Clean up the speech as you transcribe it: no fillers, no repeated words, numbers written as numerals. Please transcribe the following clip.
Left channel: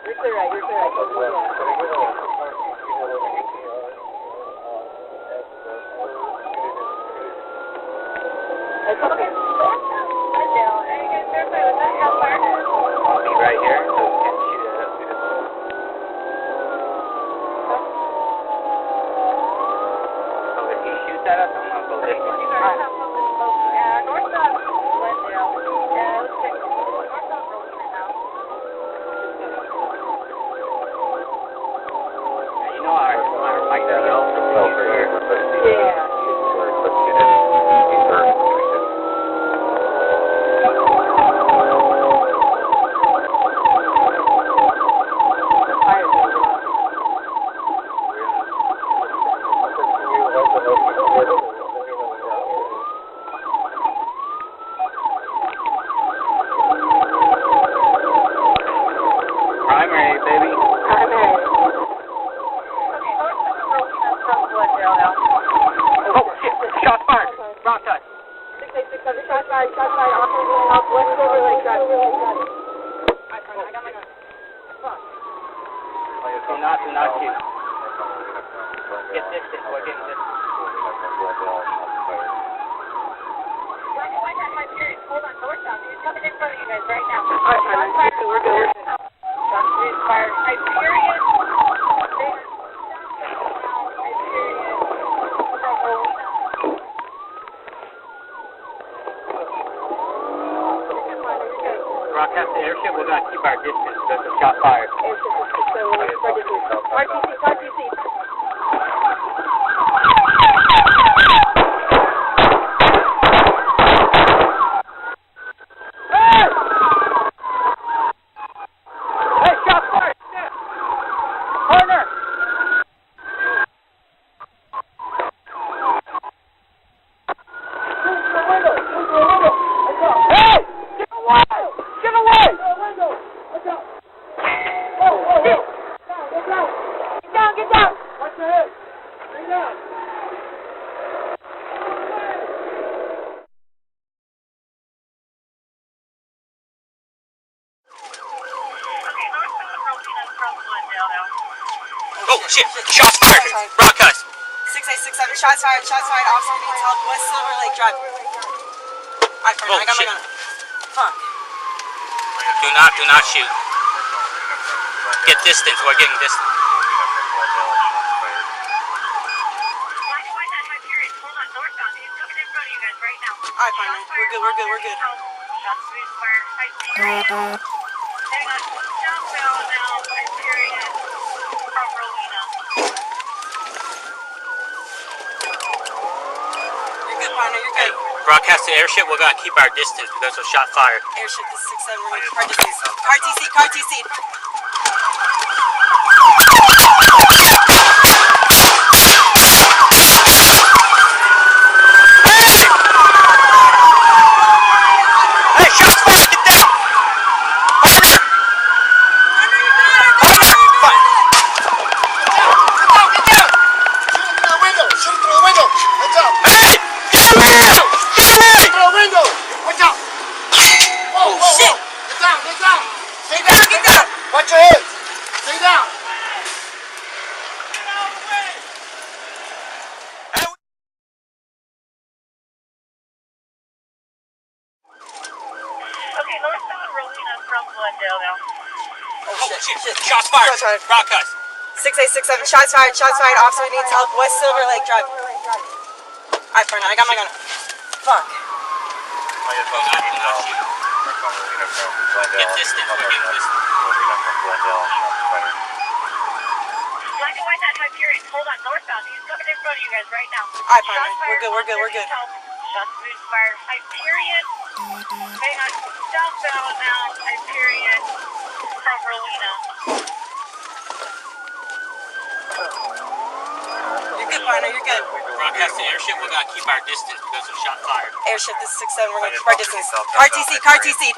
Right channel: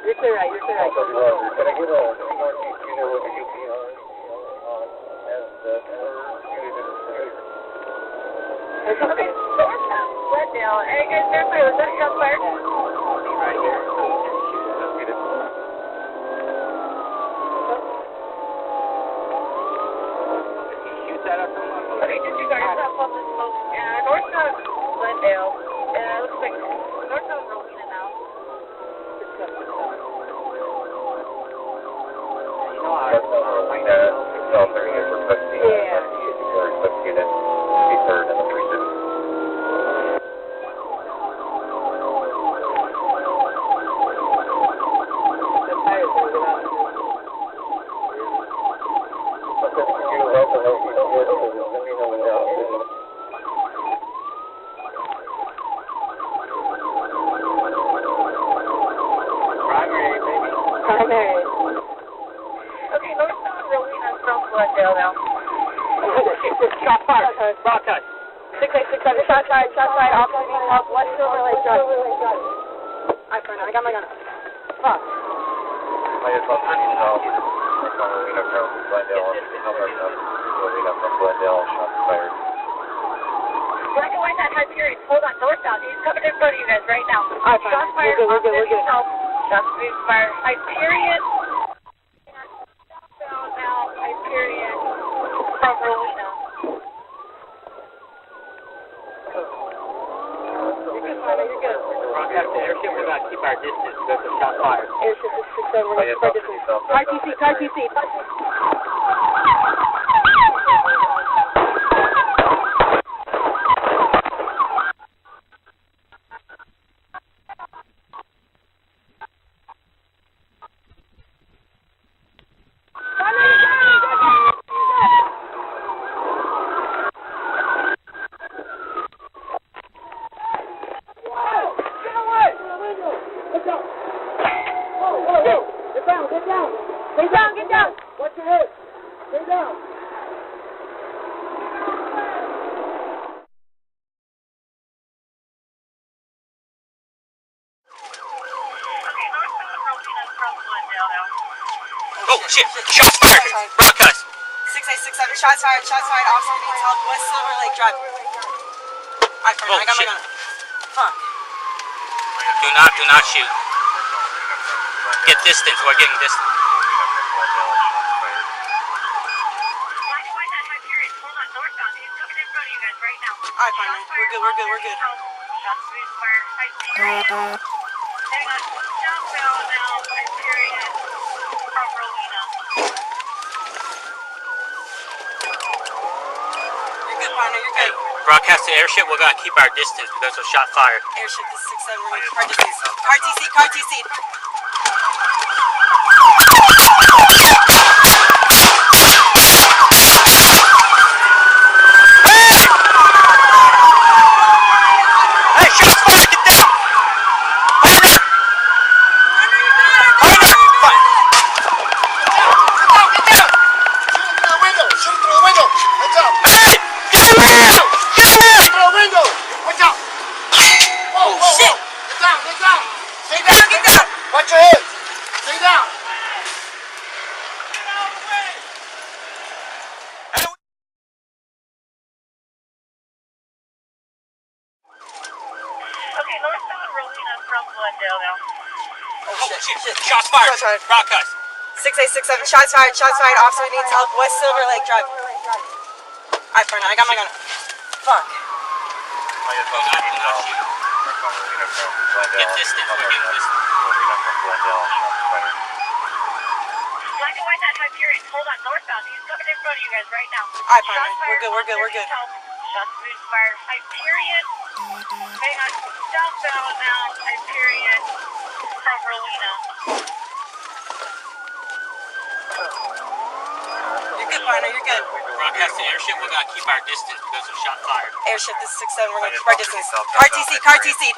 You're clear right, you're clear right. Okay. Glendale. Hey guys, they're clear. Was that shot fired? I'll be right here, so we can shoot at us. So if he shoots at us, I'm not going to Okay, just you guys have fun with smoke. North of Glendale. Looks like north of Rosina now. You know, our mic yells over here. Yeah. Let's get in. Primary, baby. Primary. Okay, north of Rosina from Glendale now. Oh, shit, shot fired. Broadcast. 686 under shot fired, off moving up, west of Relay Drive. Alright, fine, I got my gun. Fuck. Do not shoot. Get distance, we're getting distance. Black and white, that high period. Hold on, northbound. He's coming in front of you guys right now. Alright, fine, we're good. Shots fired, high period. Now, high period. From Rowena. Broadcast to airship, we're going to keep our distance. There's a shot fired. Airship is 671, we're spread distance. Car TC. Hey, shot fired! Corner! Hey! Get away! Get down! Watch your head. Stay down. Oh, shit! Shots fired! Broadcast! 686 under shots fired, officer needs help, West Silver Lake Drive. Alright, fine, I got my gun. Fuck. Do not shoot. Get distance, we're getting distance. Alright, fine, man. We're good. Shots fired, high period. Hang on, southbound now, high period. From Rowena. You're good, partner, you're good. Broadcast to airship, we're going to keep our distance because of shot fired. Airship, this is 67, we're going to car distance. Car TC. Hey, shots fired! Get down! Corner! Shoot through the window. Heads up. Hey! Get away! Shoot through the window. Watch out. Whoa. Shit. Get down. Stay down. Get down. Watch your head. Stay down. Okay, northbound Rowena from Glendale now. Oh, shit. Shots fired! Shots fired. Broadcast! 6867, shots fired, officer needs help, West Silver Lake Drive. Alright, partner, I got my gun. Fuck. Do not shoot. Get distance, we're getting distance. Black and white, that high period. Hold on, northbound. He's coming in front of you guys right now. Alright, partner, we're good. Shots fired, high period. Hang on, southbound now, high period. From Rowena. You're good, partner, you're good. Broadcast to airship, we're going to keep our distance because of shot fired. Airship, this is 67, we're going to keep our distance. Car TC.